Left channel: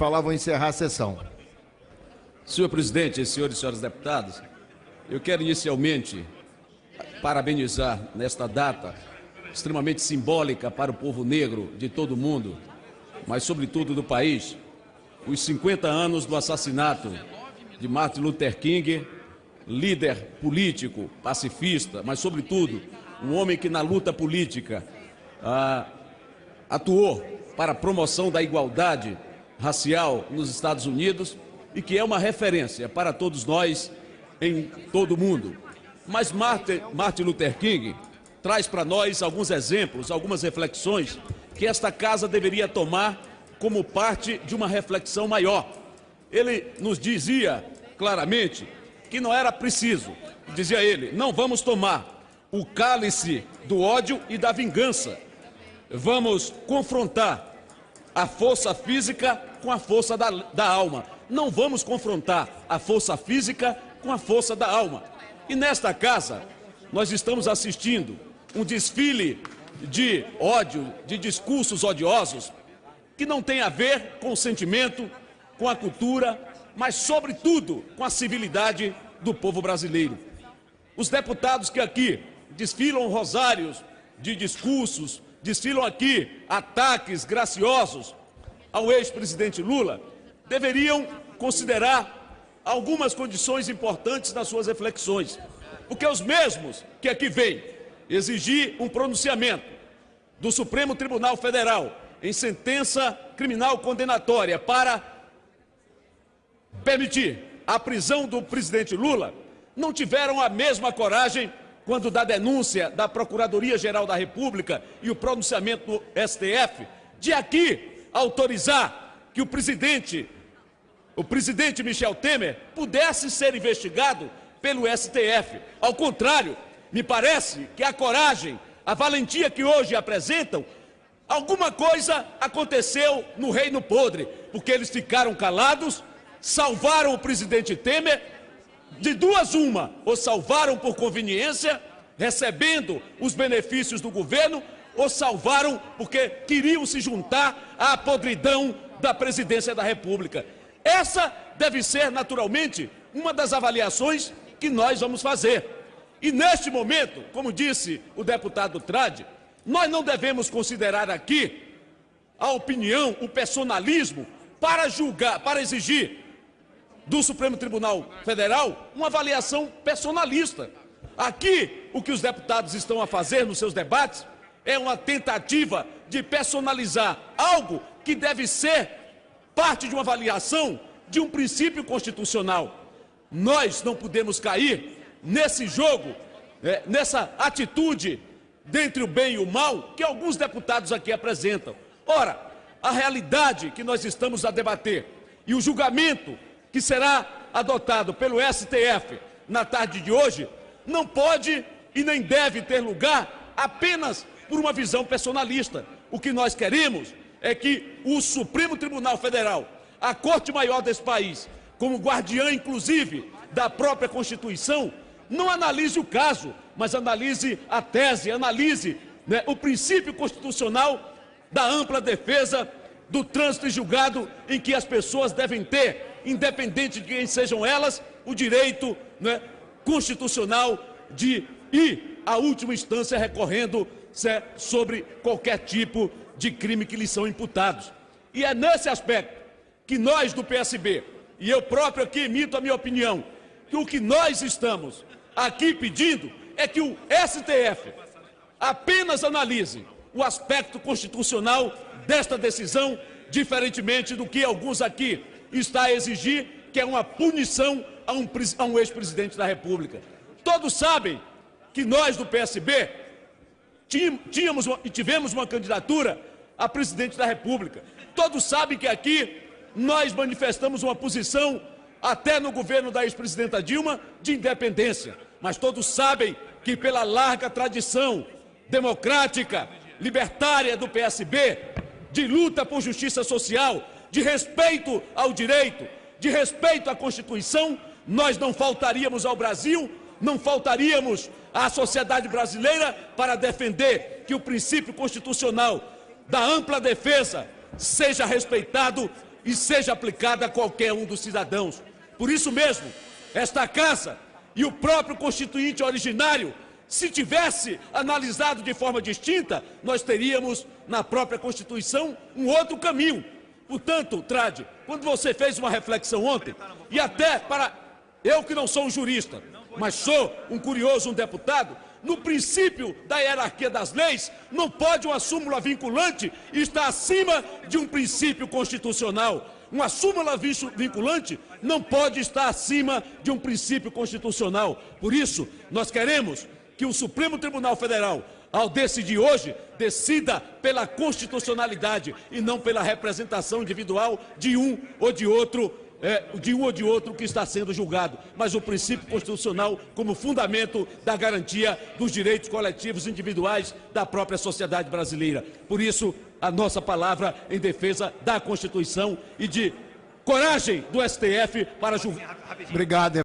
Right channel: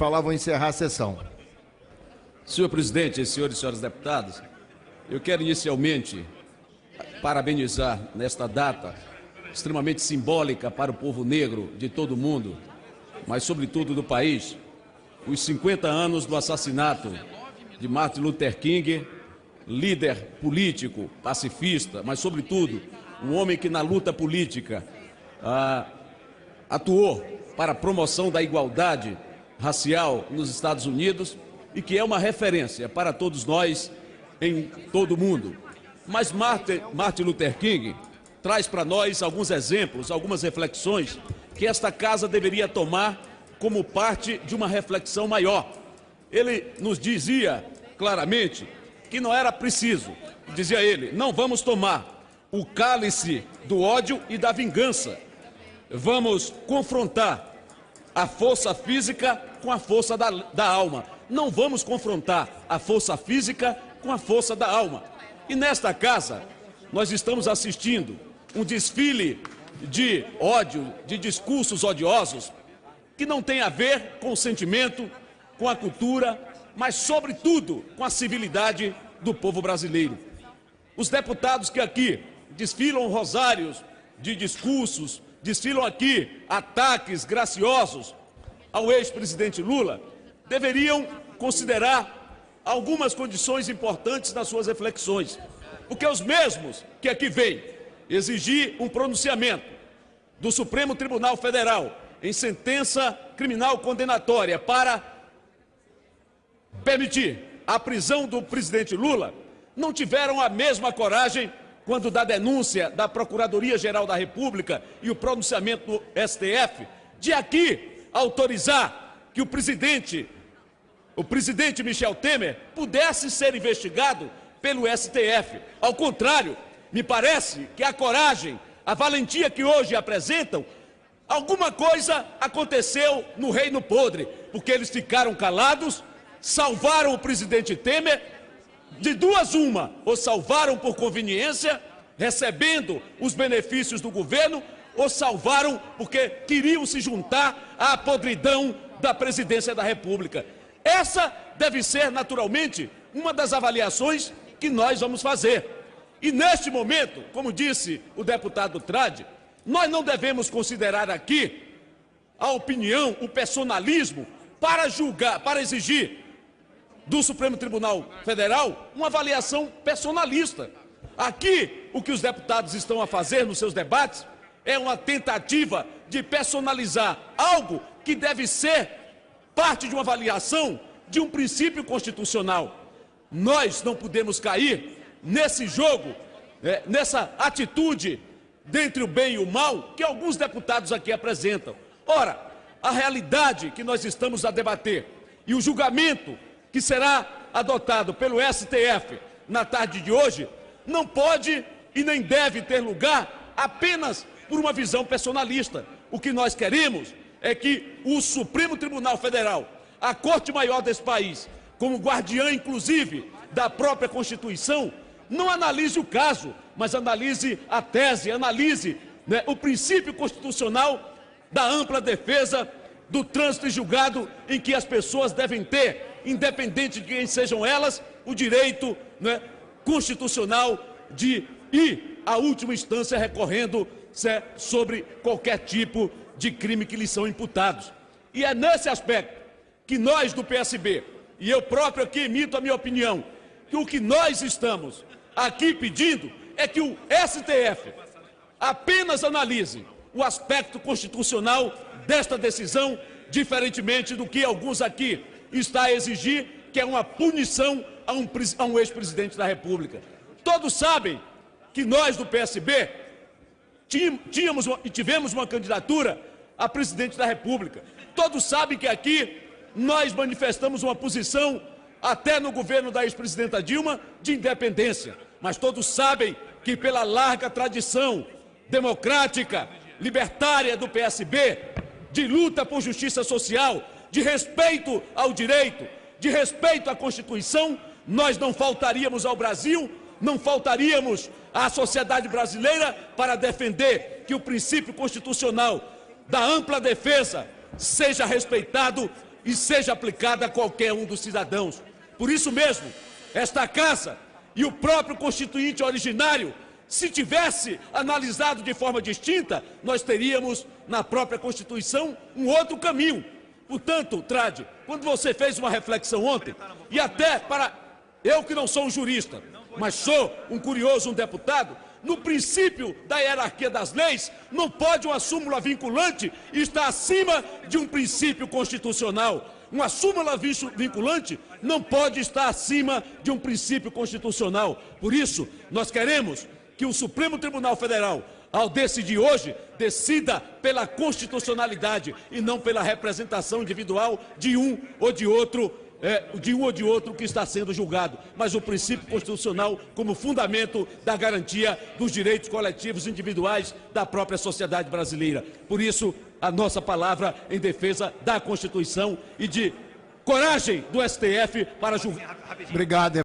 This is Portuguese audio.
falar, vou encerrar a sessão. Senhor presidente, senhores e senhoras deputados, eu quero inicialmente parabenizar nesta data extremamente simbólica para o povo negro de todo o mundo, mas sobretudo do país, os 50 anos do assassinato de Martin Luther King, líder político, pacifista, mas sobretudo um homem que na luta política atuou para a promoção da igualdade racial nos Estados Unidos e que é uma referência para todos nós em todo o mundo. Mas Martin Luther King traz para nós alguns exemplos, algumas reflexões que esta casa deveria tomar como parte de uma reflexão maior. Ele nos dizia claramente que não era preciso, dizia ele, não vamos tomar o cálice do ódio e da vingança. Vamos confrontar a força física com a força da alma. Não vamos confrontar a força física com a força da alma. E nesta casa, nós estamos assistindo um desfile de ódio, de discursos odiosos, que não tem a ver com o sentimento, com a cultura, mas, sobretudo, com a civilidade do povo brasileiro. Os deputados que aqui desfilam rosários de discursos, desfilam aqui ataques graciosos ao ex-presidente Lula, deveriam considerar algumas condições importantes nas suas reflexões. Porque os mesmos que aqui vêm exigir um pronunciamento do Supremo Tribunal Federal em sentença criminal condenatória para permitir a prisão do presidente Lula, não tiveram a mesma coragem quando da denúncia da Procuradoria-Geral da República e o pronunciamento do STF, de aqui autorizar que o presidente Michel Temer pudesse ser investigado pelo STF. Ao contrário, me parece que a coragem, a valentia que hoje apresentam, alguma coisa aconteceu no Reino Podre, porque eles ficaram calados, salvaram o presidente Temer, de duas uma, ou salvaram por conveniência, recebendo os benefícios do governo, ou salvaram porque queriam se juntar à podridão da presidência da República. Essa deve ser, naturalmente, uma das avaliações que nós vamos fazer. E neste momento, como disse o deputado Trade, nós não devemos considerar aqui a opinião, o personalismo, para julgar, para exigir do Supremo Tribunal Federal uma avaliação personalista. Aqui, o que os deputados estão a fazer nos seus debates é uma tentativa de personalizar algo que deve ser parte de uma avaliação de um princípio constitucional. Nós não podemos cair nesse jogo, nessa atitude dentre o bem e o mal que alguns deputados aqui apresentam. Ora, a realidade que nós estamos a debater e o julgamento que será adotado pelo STF na tarde de hoje não pode e nem deve ter lugar apenas por uma visão personalista. O que nós queremos é que o Supremo Tribunal Federal, a Corte Maior desse país, como guardiã, inclusive, da própria Constituição, não analise o caso, mas analise a tese, analise o princípio constitucional da ampla defesa do trânsito e julgado em que as pessoas devem ter, independente de quem sejam elas, o direito constitucional de ir à última instância recorrendo sobre qualquer tipo de crime que lhes são imputados. E é nesse aspecto que nós do PSB, e eu próprio aqui emito a minha opinião, que o que nós estamos aqui pedindo é que o STF apenas analise o aspecto constitucional desta decisão, diferentemente do que alguns aqui estão a exigir, que é uma punição a um ex-presidente da República. Todos sabem que nós do PSB tínhamos e tivemos uma candidatura a presidente da República. Todos sabem que aqui nós manifestamos uma posição, até no governo da ex-presidenta Dilma, de independência. Mas todos sabem que pela larga tradição democrática, libertária do PSB, de luta por justiça social, de respeito ao direito, de respeito à Constituição, nós não faltaríamos ao Brasil, não faltaríamos à sociedade brasileira para defender que o princípio constitucional da ampla defesa seja respeitado e seja aplicada a qualquer um dos cidadãos. Por isso mesmo, esta Casa e o próprio Constituinte originário, se tivesse analisado de forma distinta, nós teríamos na própria Constituição um outro caminho. Portanto, Trade, quando você fez uma reflexão ontem, e até para eu que não sou um jurista, mas sou um curioso, um deputado, no princípio da hierarquia das leis, não pode uma súmula vinculante estar acima de um princípio constitucional. Uma súmula vinculante não pode estar acima de um princípio constitucional. Por isso, nós queremos que o Supremo Tribunal Federal, ao decidir hoje, decida pela constitucionalidade e não pela representação individual de um ou de outro que está sendo julgado, mas o princípio constitucional como fundamento da garantia dos direitos coletivos individuais da própria sociedade brasileira. Por isso, a nossa palavra em defesa da Constituição e de coragem do STF para julgar. Obrigado.